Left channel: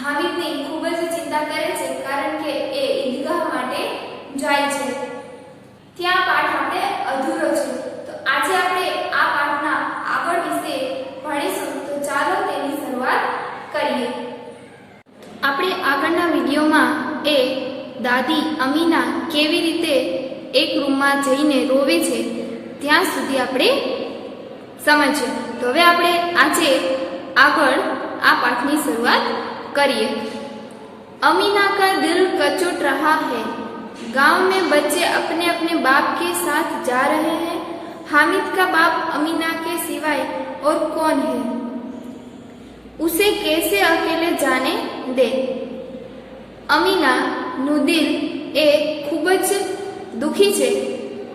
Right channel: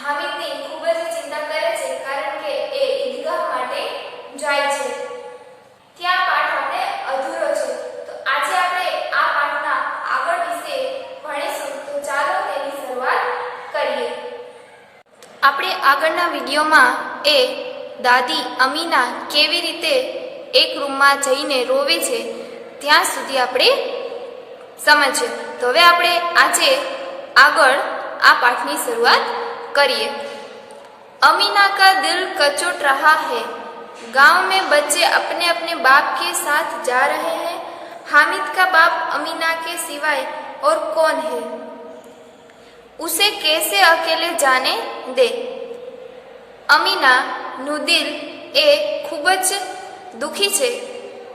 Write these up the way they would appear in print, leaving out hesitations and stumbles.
હામિદની ખૂબ જ ચિંતા કરે છે, કારણ કે એ ઈદગાહ માટે જાય છે. ત્યાં પાઠ આપણે અધૂરો છે. તો આજે આપણે આ પાઠના આગળ વિશે ભણીશું. તો ચાલો તેની શરૂઆત કરીએ. આપણે આગળના વિડીયોમાં એ દાદી અમીના કેવી રીતે એક રૂમમાં જઈને રોવે છે ત્યાં સુધી આપણે સમજ્યું. તો હવે આપણે આજે આગળ આ પાઠની શરૂઆત करिए. अमीना का दिल कचोट रहा है. गांव में बच्चे अपने अपने बाप के साथ जा रहे हैं. हामिद का बाप अमीना के सिवाय और कौन है? उसे कैसे अकेले जाने दे? अमीना નું દિલ એ ખૂબ જ દુખી છે,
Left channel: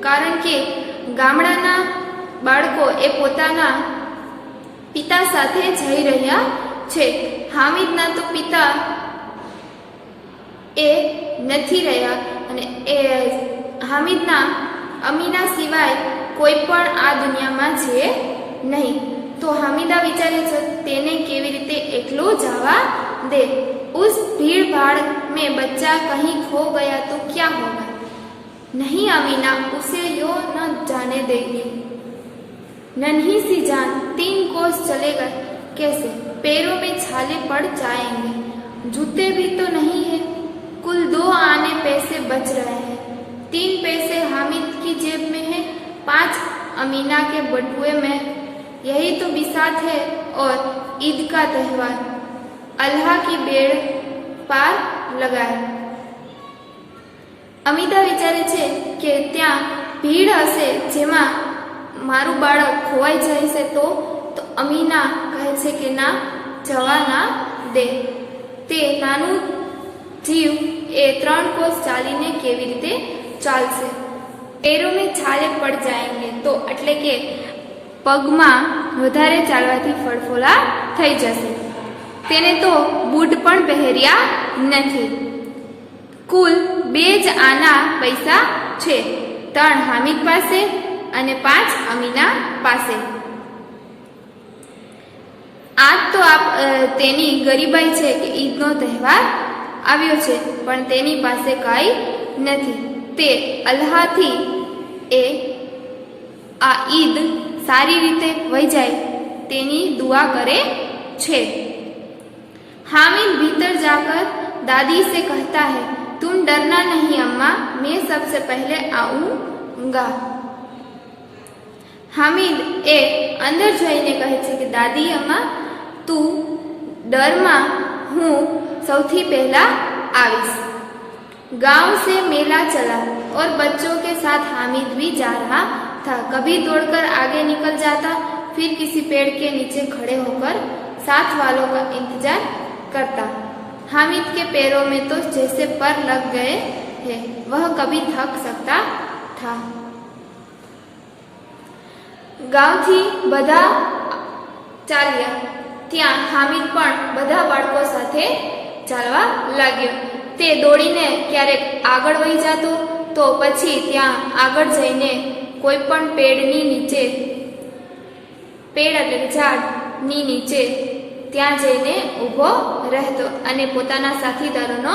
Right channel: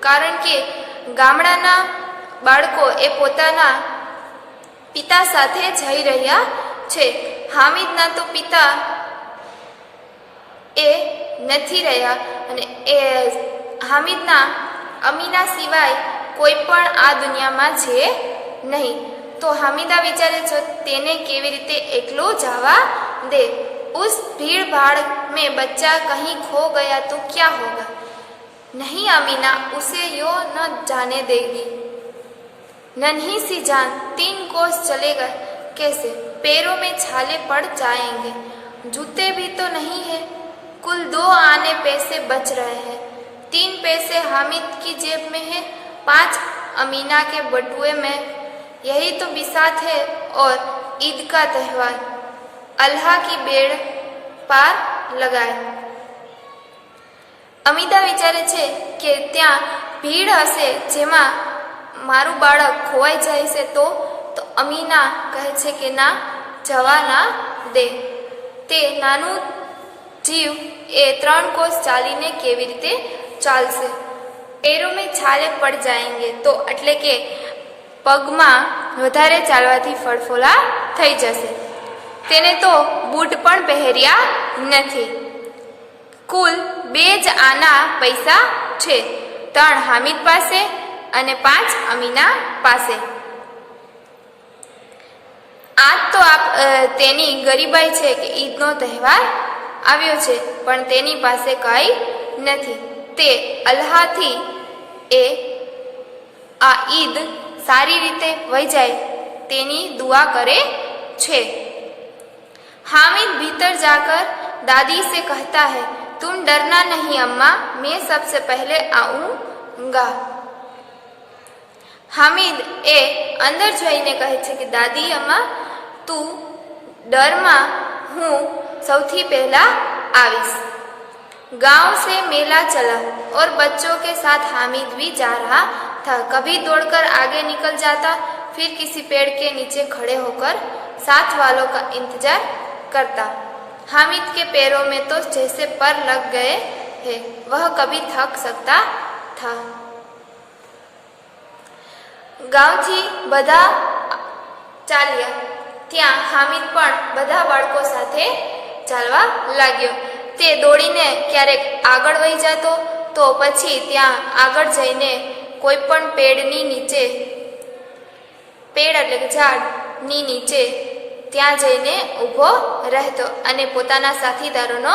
કારણ કે ગામડાના બાળકો એ પોતાના પિતા સાથે જઈ રહ્યા છે. હામિદના તો પિતા એ નથી રહ્યા અને એ હામિદના અમીના સિવાય કોઈ પણ આ દુનિયામાં છે નહીં. તો હામિદા વિચારે છે તેને કેવી રીતે એકલો જવા દે. उस भीड़ भाड़ में बच्चा कहीं खो गया तो क्या होगा? नहीं अमीना उसे यो न जाने देगी. नन्ही सी जान 3 कोस चलेगा कैसे? पैरों में छाले पड़ जाएंगे. जूते भी तो नहीं है. कुल 2 आने पैसे बच रहे हैं. 3 पैसे हामिद की जेब में है, 5 अमीना के बटुए में. यही तो बिसात है और ईद का त्यौहार. अल्लाह की बेड़ पार लगाए. અમિતા વિચારે છે કે ત્યાં ભીડ હશે જેમાં મારું બાળક ખોવાઈ જાય છે. તો અમીના કહે છે કે ના, જવા ના દે. તે નાનું જીવ એ 3 કોસ ચાલીને કેવી રીતે ચાલશે? પેરો મેં છાલે પડ જાયંગે. તો એટલે કે પગમાં વધારે ચાલવાથી ફળફોલા થઈ જશે. તેને તો બૂટ પણ પહેર્યા નથી. કુલ 2 જ આના પૈસા છે, 3 હામિદ પાસે અને 5 અમીના પાસે. આજ તો તેની ગરીબાઈ છે કે ઈદનો તહેવાર આવ્યો છે, પણ તેની પાસે કાંઈ નથી. તે અલ્લાહથી એ આ ઈદ સારી રીતે વહી જાય તેની દુઆ કરે છે. हामिद भीतर जाकर दादी से कहता है, तुम डरना नहीं अम्मा, मैं सबसे पहले आऊंगा. हामिद ए अंदर जईने कहे छे कि दादी अम्मा तू डर मा, हूँ सौथी पहला आवीश. गांव से मेला चला और बच्चों के साथ हामिद भी जा रहा था. कभी दौड़कर आगे निकल जाता, फिर किसी पेड़ के नीचे खड़े होकर साथ वालों का इंतजार करता. हामिद के पैरों में तो जैसे पर लग गए हैं, वह कभी थक सकता था. गांवથી બધા ચાલ્યા. ત્યાં હામિદ પણ બધા બાળકો સાથે ચાલવા લાગ્યો. તે દોડીને ક્યારેક આગળ વહી જતો, તો પછી ત્યાં આગળ જઈને કોઈ પણ પેડની નીચે, પેડ એટલે કે ઝાડની નીચે ત્યાં જઈને ઊભો રહેતો અને પોતાના સાથીદારોનો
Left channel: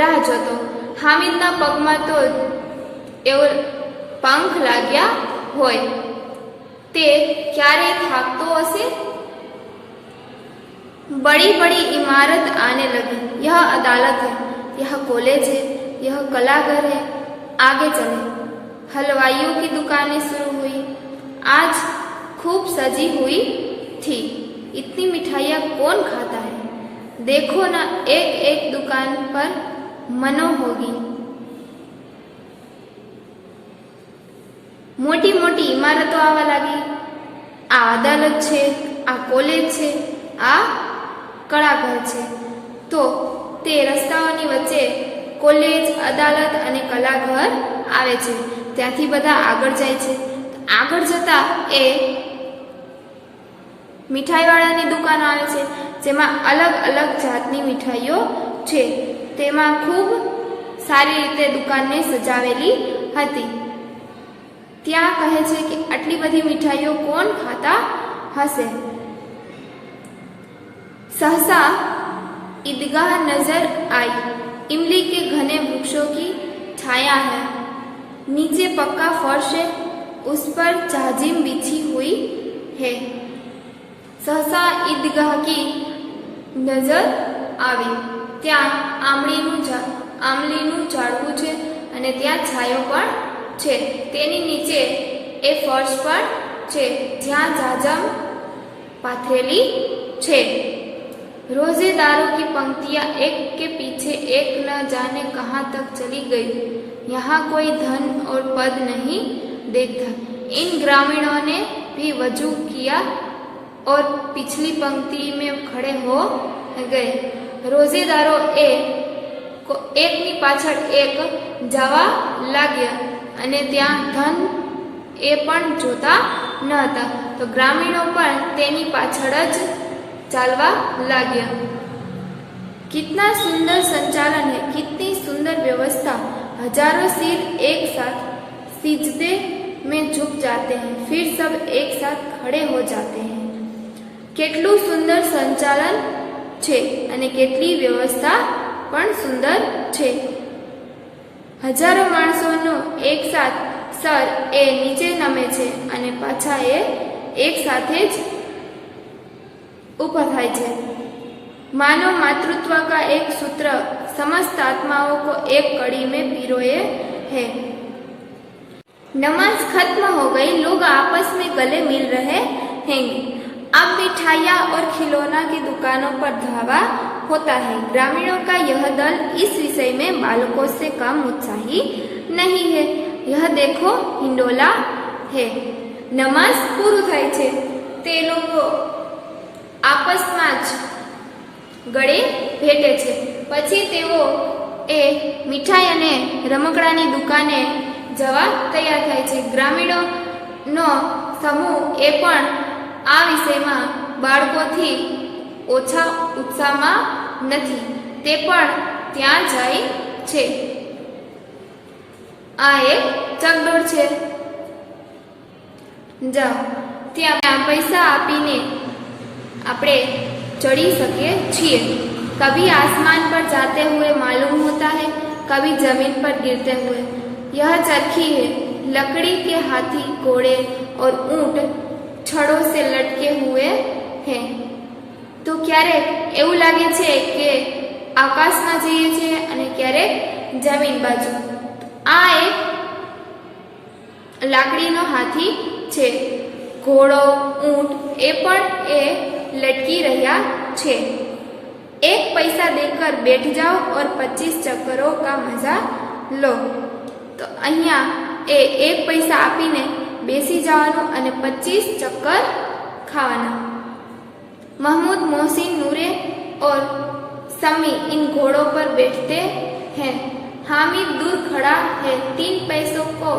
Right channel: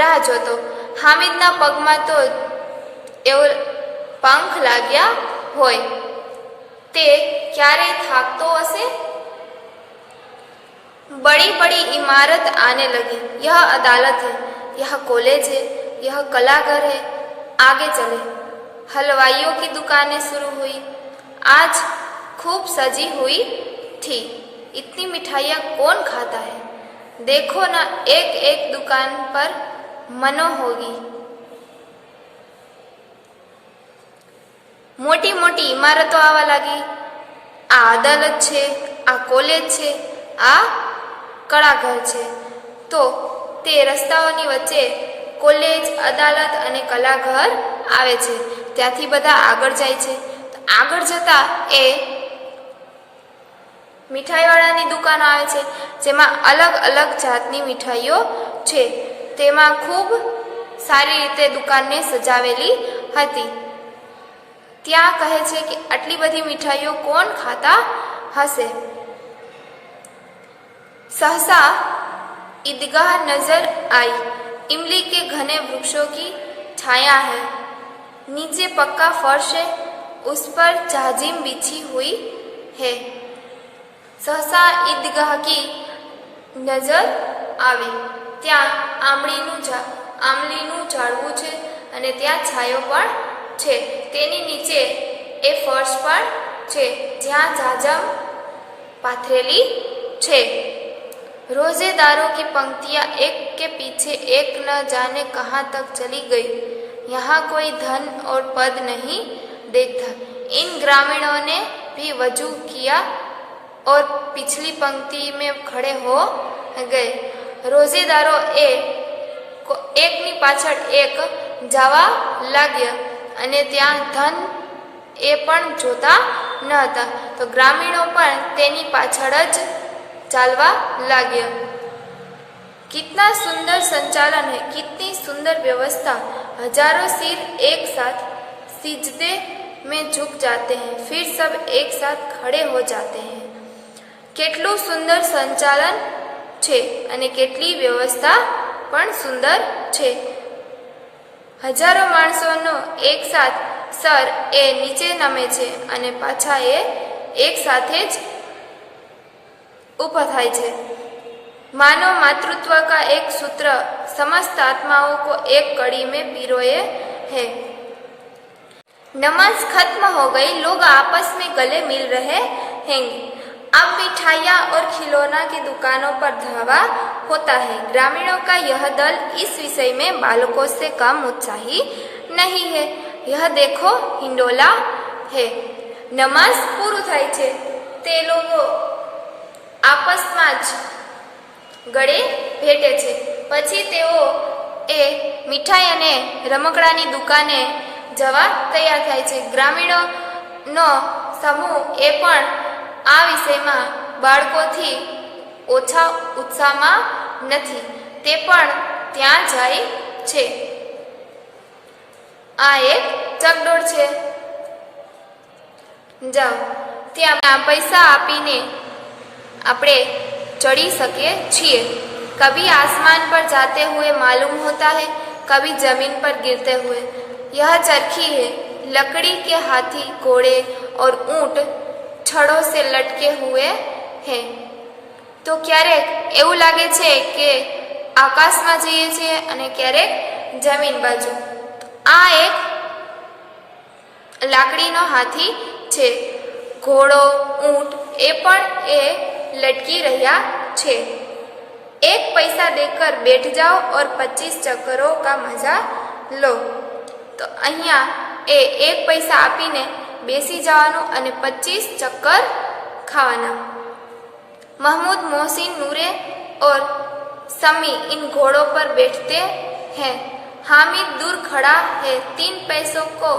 રાહ જોતો. હામિદના પગમાં તો એવો પંખ લાગ્યા હોય. તે ક્યારે થાકતો હશે? बड़ी बड़ी इमारत आने लगी. यह अदालत है, यह कॉलेज है, यह कलाघर है. आगे चले. हलवाइयों की दुकानें शुरू हुई. आज खूब सजी हुई थी. इतनी मिठाइयाँ कौन खाता है? देखो ना, एक एक दुकान पर मनो होगी. मोटी मोटी इमारतों आवा लगी. आ अदालत छे, आ कॉलेज छे, आ कलाघर छे. तो ते रस्ताओनी वच्चे कॉलेज, अदालत अने कलाघर आवे छे. त्यांथी बधा आगळ जाय छे. आगळ जता ए મીઠાઈવાળાની દુકાનો આવે છે, જેમાં અલગ અલગ જાતની મીઠાઈઓ છે. તેમાં ખૂબ સારી રીતે દુકાનને સજાવેલી હતી. ત્યાં કહે છે કે આટલી બધી મીઠાઈઓ કોણ ખાતા હશે? સહસા ईदगाह नजर आई। इमली के घने वृक्षों की छाया है, नीचे पक्का फर्श है, उस पर जाजिम बिछी हुई है। सहसा ईदगाह की नजर આવી ત્યાં આંબલીનું ઝાડવું છે અને ત્યાં છાયો પણ છે। તેની નીચે એ ફર્શ પણ છે જ્યાં જાજમ પાથરેલી છે। रोजेदारों की पंक्तियां एक के पीछे एक न जाने कहाँ तक चली गई। यहाँ कोई धन और पद नहीं देखता। इन ग्रामीणों ने भी वजू किया और पिछली पंक्ति में खड़े हो गए। रोजेदारों એકની પાછળ એક જવા લાગ્યા અને ત્યાં ધન એ પણ જોતા ન હતા તો ગ્રામીણો પણ તેની પાછળ જ चालवा लाग्या। कितना सुंदर संचालन है, कितनी सुंदर व्यवस्था। हजारों सिर एक साथ सिजदे में झुक जाते हैं, फिर सब एक साथ खड़े हो जाते हैं। કેટલું સુંદર સંચાલન છે અને કેટલી વ્યવસ્થા પણ સુંદર છે। હજારો માણસોનો એક સાથ સર એ નીચે નમે છે અને પાછા એ એક સાથે જ ऊपर थाय छे। मानव मातृत्व का एक सूत्र समस्त आत्माओं को एक कड़ी में पिरोए है। नमाज खत्म हो गई, लोग आपस में गले मिल रहे हैं। अब मिठाइयाँ और खिलौना की दुकानों पर धावा होता है। ग्रामीणों का यह दल इस विषय में बालकों से कम उत्साही नहीं है। यह देखो हिंडोला है। नमाज पूरू थाय छे ते लोगो आपसमां ज गळे भेटे छे। पछी तेओ ए मीठाई अने रमकडानी दुकाने जवा तैयार थाय छे। ग्रामीणोनो समूह ए पण आ विषयमां बाळकोथी ओछा उत्साहमां नथी, ते पण त्यां जाय छे। आ एक चकडोळ छे। जाओ त्यां पैसा आपीने આપણે चढ़ी सके छिए। कभी आसमान पर जाते हुए मालूम होता है, कभी जमीन पर गिरते हुए। यह चरखी है। लकड़ी के हाथी, घोड़े और ऊंट छड़ों से लटके हुए हैं। तो क्यारेक એવું લાગે છે કે આકાશમાં જઈએ છીએ અને ક્યારેક જમીન બાજુ। આ એક લાકડીનો હાથી છે। ઘોડો, ઊંટ એ પણ એ लटकी रहा छे। एक पैसा देकर बैठ जाओ और 25 चक्करों का मजा लो। तो अहिया ए एक पैसा आपीने बेसी जवानुं अने 25 चक्कर खावाना। महमूद, मोहसिन, नूरे और समी इन घोड़ों पर बैठते हैं। हामिद दूर खड़ा है, 3 पैसों को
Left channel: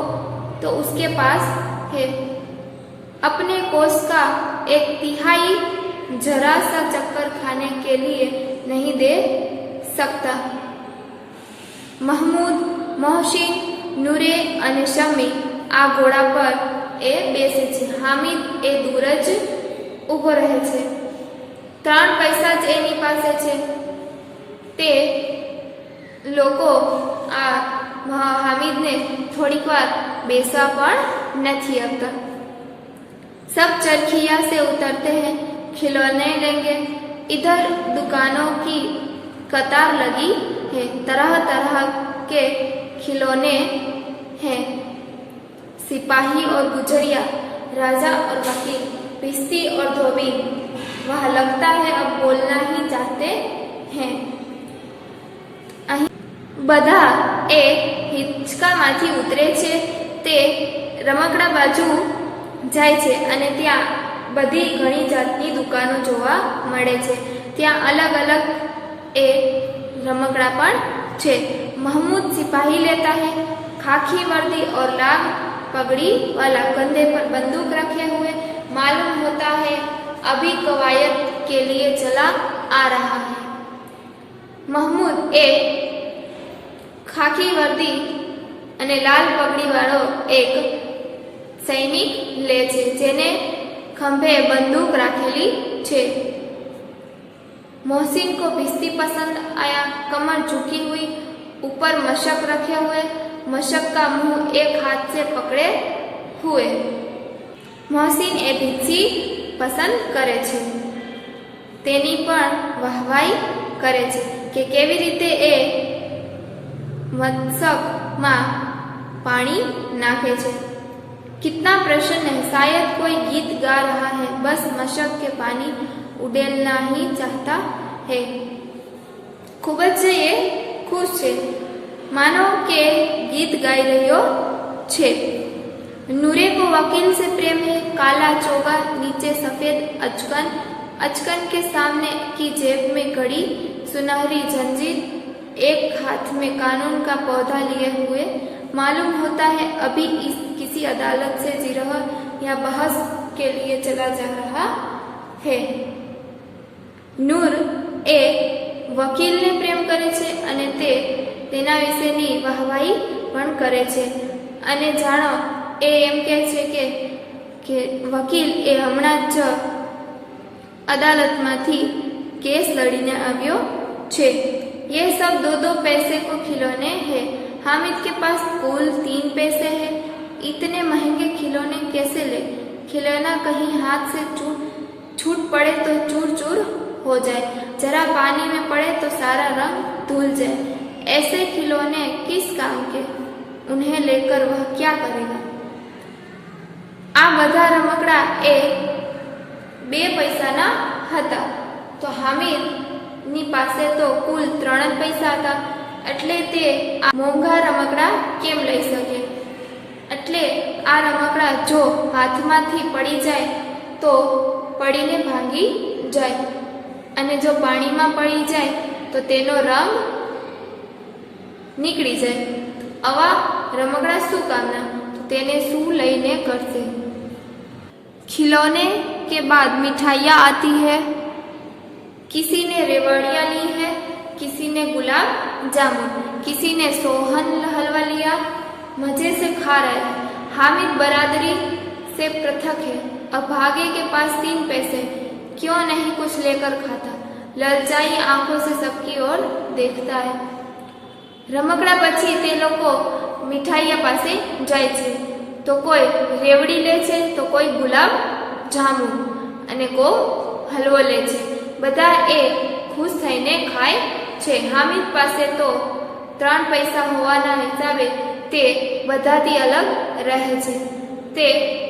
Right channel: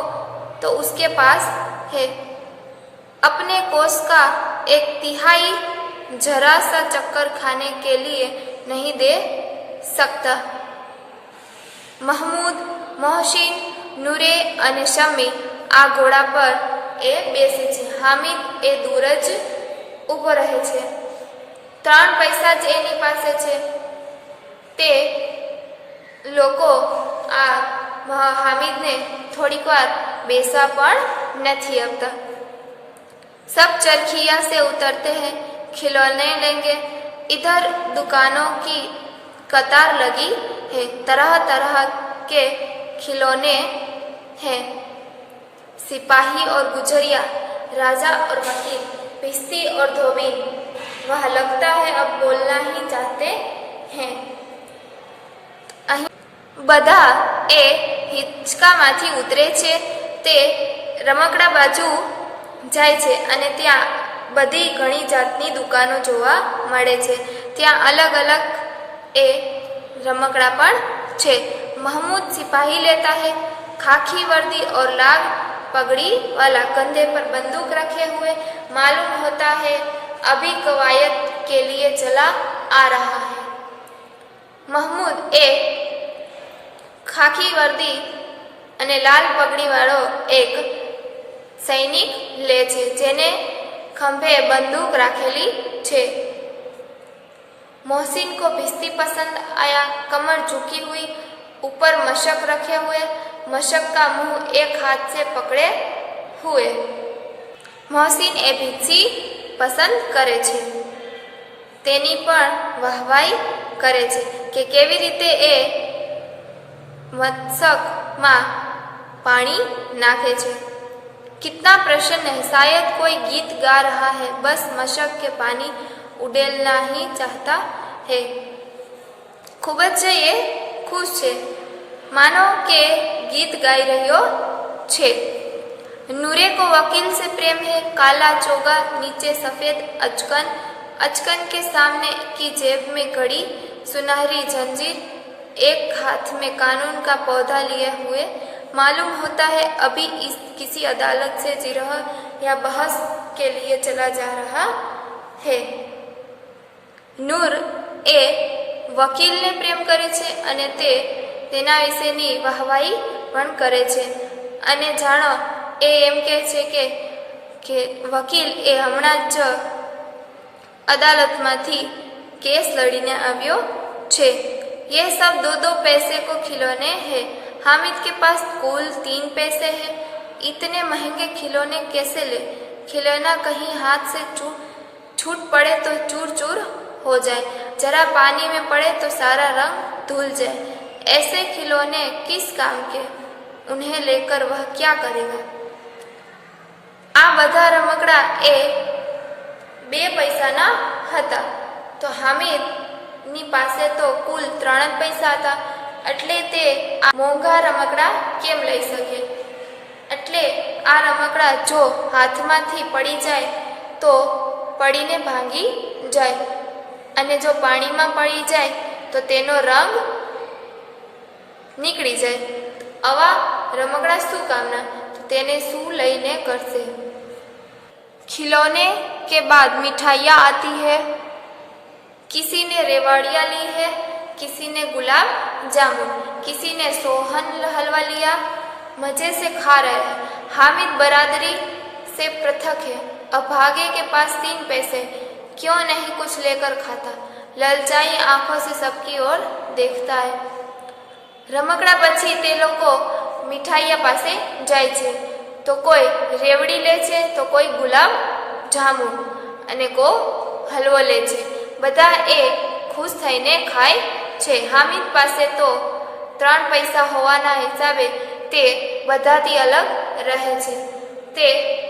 तो उसके पास है। अपने कोष का 1/3 जरा सा चक्कर खाने के लिए नहीं दे सकता। महमूद, मोहसिन, नूरे और शमी आ घोड़ा पर ए बेसे छे। हामिद ए दूर ज ऊभो रहे छे। 3 पैसा ज एनी पासे छे। ते लोको आ हामिद ने थोड़ीक वार बेसवा पण नथी आपता। सब चरखिया से उतरते हैं, खिलौने लेंगे। इधर दुकानों की कतार लगी है, तरह तरह के खिलौने हैं। सिपाही और गुजरिया, राजा और वकील, भिस्ती और धोबी। वह लगता है अब बोलना ही चाहते हैं। બધા એ હિંચકામાંથી ઉતરે છે તે રમકડા બાજુ જાય છે અને ત્યાં બધી ઘણી જાતની દુકાનો જોવા મળે છે। ત્યાં અલગ અલગ એ રમકડા પણ છે। महमूद सिपाही लेता है, खाकी वर्दी और लाल पगड़ी वाला, कंधे पर बंदूक रखे हुए। मालूम होता है अभी कवायद के लिए चला आ रहा है। महमूद ए खाकी वर्दी अने लाल पगड़ी वाळो एक सैनिक ले छे, जेने खंभे बंदूक राखेली छे। मोहसिन को भिश्ती पसंद आया। कमर झुकी हुई, ऊपर मशक रखे हुए, मशक का मुंह एक हाथ से पकड़े हुए। मोहसिन ए भिक्षी પસંદ કરે છે, તેની પણ વાહવાઈ કરે છે કે કેવી રીતે એ મસ્તકમાં પાણી નાખે છે। कितना प्रसन्न है, शायद कोई गीत गा रहा है, बस मशक के पानी उड़ेलना ही चाहता है। खूब જ એ ખુશ છે, मानो के गीत गाई रह्यो छे। नूरे को वकील से प्रेम है। काला चोगा, नीचे सफेद अचकन, अचकन के सामने की जेब में घड़ी, सुनहरी जंजीर, एक हाथ में कानून का पौधा लिए हुए। मालूम होता है अभी इस किसी अदालत से जिरह या बहस के लिए चला जा रहा है। नूर ए વકીલને પ્રેમ કરે છે અને તેના વિશેની વાહવાઈ પણ કરે છે અને જાણો એ એમ કહે છે કે વકીલ એ હમણાં જ અદાલતમાંથી કેસ લડીને આવ્યો છે। ये सब 2-2 पैसे को खिलौने हैं। हामिद के पास कुल 3 पैसे हैं। इतने महंगे खिलौने कैसे ले? खिलौना कहीं हाथ से छूट पड़े तो चूर चूर हो जाए, जरा पानी में पड़े तो सारा रंग धुल जाए। ऐसे खिलौने किस काम के? उन्हें लेकर वह क्या करेगा? आ બધા રમકડા એ 2 પૈસાના હતા, તો હામિદની પાસે તો કુલ 3 પૈસા હતા, એટલે તે આ મોંઘા રમકડા કેમ લઈ શકે? એટલે આ રમકડા જો હાથમાંથી પડી જાય તો પડીને ભાંગી જાય અને જો પાણીમાં પડી જાય તો તેનો રંગ નીકળી જાય। આવા રમકડા શું કામના? તેને શું લઈને કરશે? खिलौने के बाद मिठाइयाँ आती है। किसी ने रेवड़ियाँ ली है, किसी ने गुलाब जामुन, किसी ने सोहन हलवा लिया, मजे से खा रहे हैं। हामिद बरादरी से पृथक है। अभागे के पास 3 पैसे, क्यों नहीं कुछ लेकर खाता? ललचाई आंखों से सबकी ओर देखता है। रमकड़ा પછી તે લોકો મીઠાઈયા પાસે જાય છે, તો કોઈ રેવડી લે છે, તો કોઈ ગુલાબ જામુન અને કોઈ હલવો લે છે। બધા એ ખુશ થઈને ખાય છે। હામિદ પાસે તો 3 પૈસા હોવાના હિસાબે તે બધાથી અલગ રહે છે। તે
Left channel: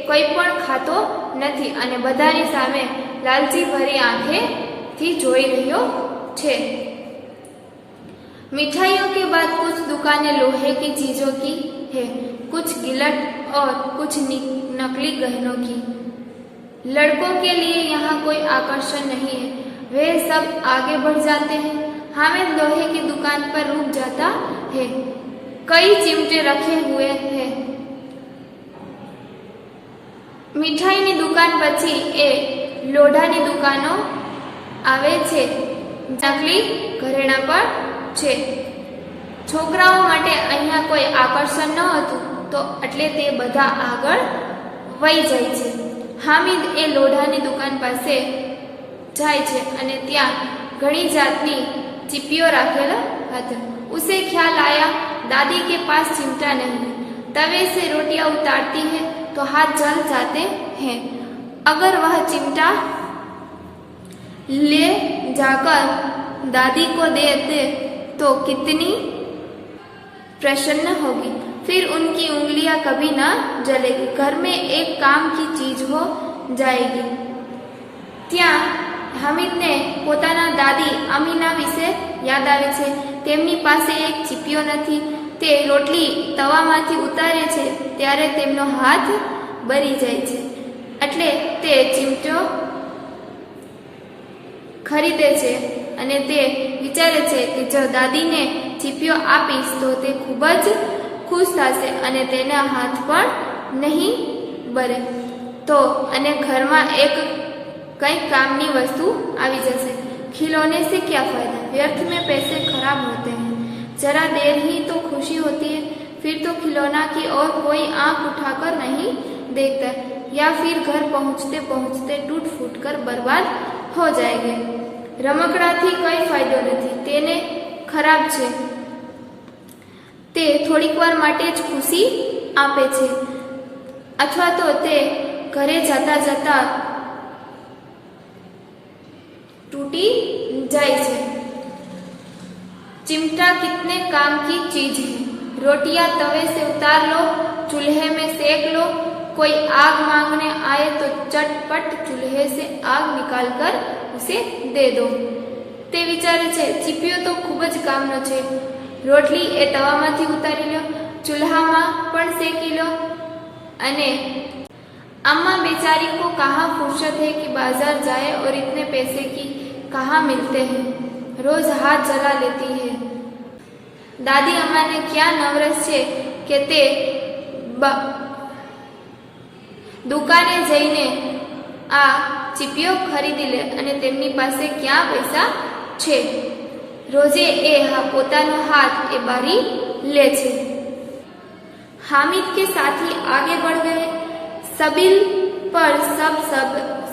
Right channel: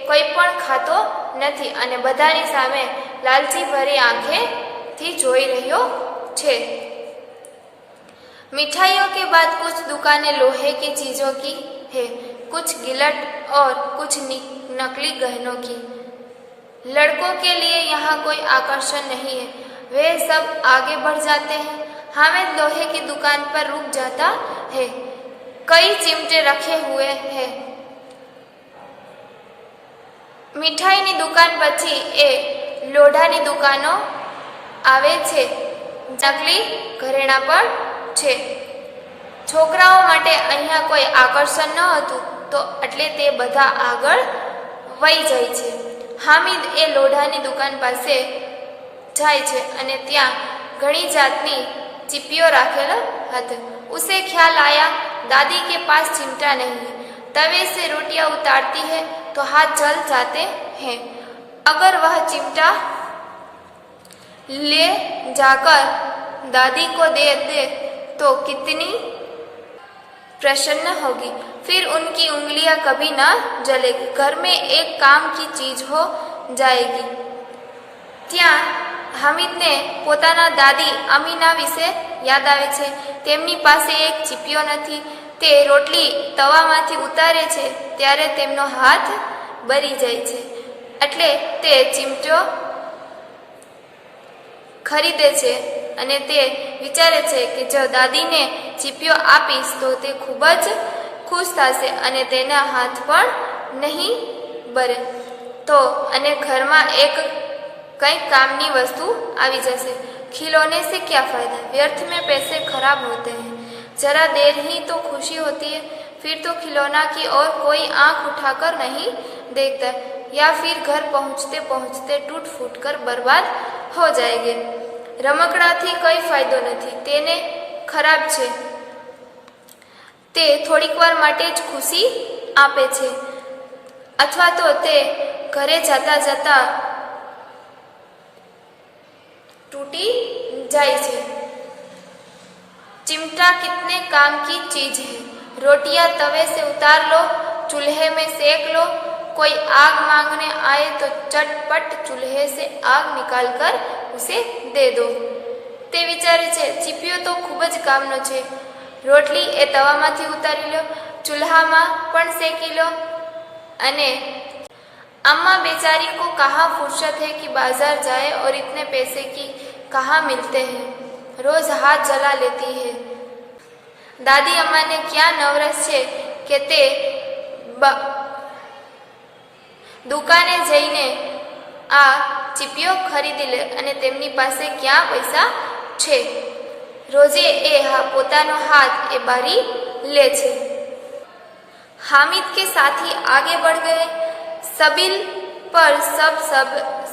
કોઈ પણ ખાતો નથી અને બધાની સામે લાલચી ભરી આંખેથી જોઈ રહ્યો છે। मिठाइयों के बाद कुछ दुकानें लोहे की चीजों की है, कुछ गिलट और कुछ नकली गहनों की। लड़कों के लिए यहाँ कोई आकर्षण नहीं है, वे सब आगे बढ़ जाते हैं। हामिद लोहे की दुकान पर रुक जाता है। कई चिमटे रखे हुए हैं। मिठाईनी दुकान પછી એ લોઢાની દુકાનો આવે છે, નકલી ઘરેણા પણ છે। છોકરાઓ માટે અહીંયા કોઈ આકર્ષણ ન હતું, તો એટલે તે બધા આગળ વહી જાય છે। હામિદ એ લોઢાની દુકાન પાસે જાય છે અને ત્યાં ઘણી જાતની ચીપીઓ રાખેલા હતી। उसे ख्याल आया दादी के पास चिमटा नहीं है। तवे से रोटियां उतारती है तो हाथ जल जाते हैं। अगर वह चिमटा ले जाकर दादी को दे दे तो कितनी प्रसन्न होगी, फिर उनकी उंगलियां कभी ना जलेगी, घर में एक काम की चीज हो जाएगी। ત્યાં હામિદને પોતાના દાદી અમીના વિશે યાદ આવે છે। તેમની પાસે એક ચીપિયો નથી। તે રોટલી તવામાંથી ઉતારે છે ત્યારે તેમનો હાથ બળી જાય છે, એટલે તે ચીમટો ખરીદે છે અને તે વિચારે છે કે જો દાદીને ચીપિયો આપીશ તો તે ખૂબ જ ખુશ થશે અને તેના હાથ પણ નહીં બળે, તો અને ઘરમાં એક कई कामनी वस्तु आवी जैसे। खिलौने से क्या फायदा? व्यर्थ में पैसे खराब होते हैं। जरा देर ही तो खुशी होती है, फिर तो खिलौना की ओर कोई आंख उठाकर नहीं देखता, या फिर घर पहुंचते पहुंचते टूट फूट कर बर्बाद हो जाएंगे। રમકડાથી કંઈ ફાયદો નથી, તેને ખરાબ છે. તે થોડીક વાર માટે જ ખુશી આપે છે, અથવા તો તે ઘરે જતા જતા टूटी जाए छे. चिमटा कितने काम की चीज है. रोटियां तवे से उतार लो, चूल्हे में सेक लो. कोई आग मांगने आए तो चटपट चूल्हे से आग निकाल कर उसे दे दो. તે વિચારે છે ચીપિયો તો ખૂબ જ કામનો છે. રોટલી એ તવામાંથી ઉતારી લો, ચૂલ્હામાં પણ શેકી લો. અને अम्मा बेचारी को कहाँ फुर्सत है कि बाजार जाए और इतने पैसे की कहाँ मिलते हैं, रोज हाथ जला लेती है. दादी अम्मा ने क्या नवरस છે કે તે દુકાને જઈને આ ચીપિયો ખરીદી લે અને તેમની પાસે ક્યાં પૈસા છે. રોજે એ પોતાનો હાથ એ બારી લે છે. हामिद के साथी आगे बढ़ गए. सबिल पर सब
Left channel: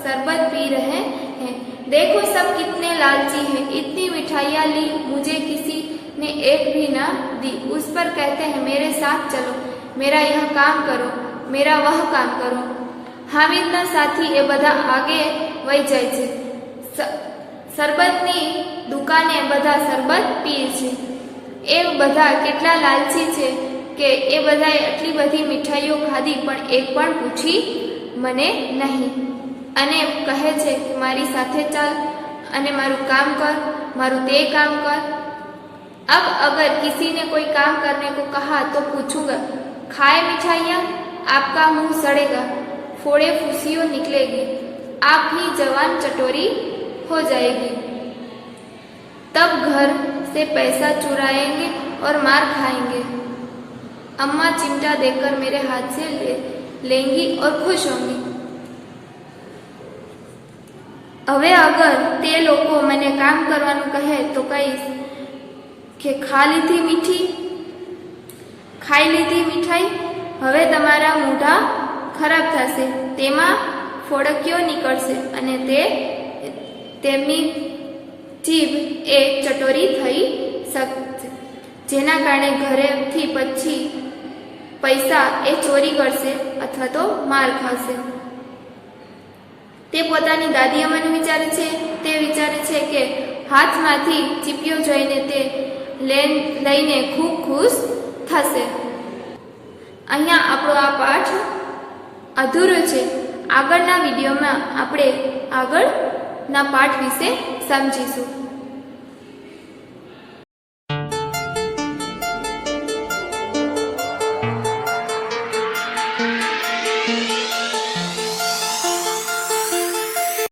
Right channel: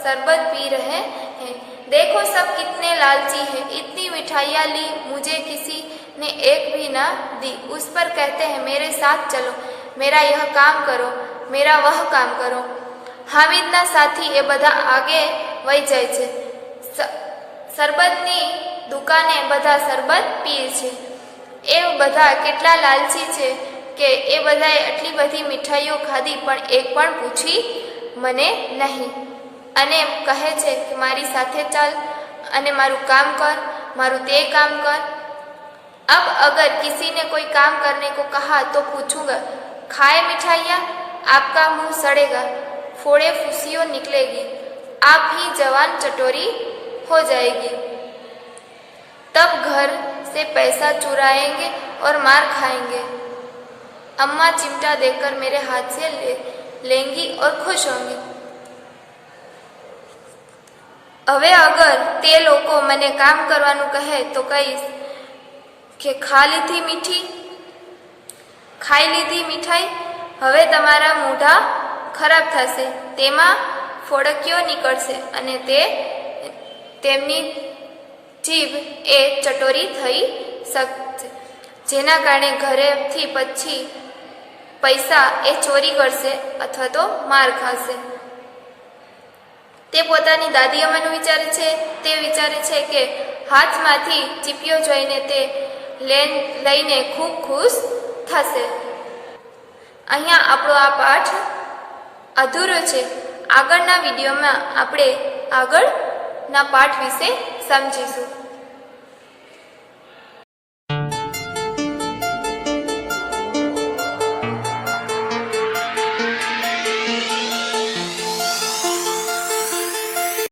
शरबत पी रहे हैं. देखो सब कितने लालची हैं. इतनी मिठाइयाँ ली, मुझे किसी ने एक भी ना दी. उस पर कहते हैं मेरे साथ चलो, मेरा यह काम करो, मेरा वह काम करो. हामिदना साथी એ બધા આગે વહી જાય છે. શરબતની દુકાને બધા શરબત પીએ છે. એ બધા કેટલા લાલચી છે કે એ બધાએ આટલી બધી મીઠાઈઓ ખાધી પણ એક પણ પૂછી મને નહીં. અને કહે છે કે મારી સાથે ચાલ અને મારું काम कर, मारू ते काम कर. अब अगर किसी ने कोई काम करने को कहा तो पूछूंगा, खाए मिठाइयाँ, आपका मुंह सड़ेगा, फोड़े फुसियों निकलेगी, आप ही जवान चटोरी हो जाएगी. तब घर से पैसा चुराएंगे और मार खाएंगे. अम्मा चिमटा देकर मेरे हाथ से लेंगी और खुश होंगी. હવે અગર તે લોકો મને કામ કરવાનું કહે તો કહીશ કે ખાઈ લીધી મીઠાઈ, હવે તમારા મોઢા ખરાબ થશે, તેમાં ફોડકીઓ નીકળશે અને તેમની જીભ એ ચટોરી થઈ શકશે, જેના કારણે ઘરેથી પછી પૈસા એ ચોરી કરશે અથવા તો માર ખાશે. તે પોતાની દાદી અમ્માનું વિચારે છે. તે વિચારે છે કે હાથમાંથી ચીપિયો જોઈને તે લઈને ખૂબ ખુશ થશે. અહીંયા આપણો આ પાઠ અધૂરો છે. આગળના વિડીયોમાં આપણે આગળના પાઠ વિશે સમજીશું.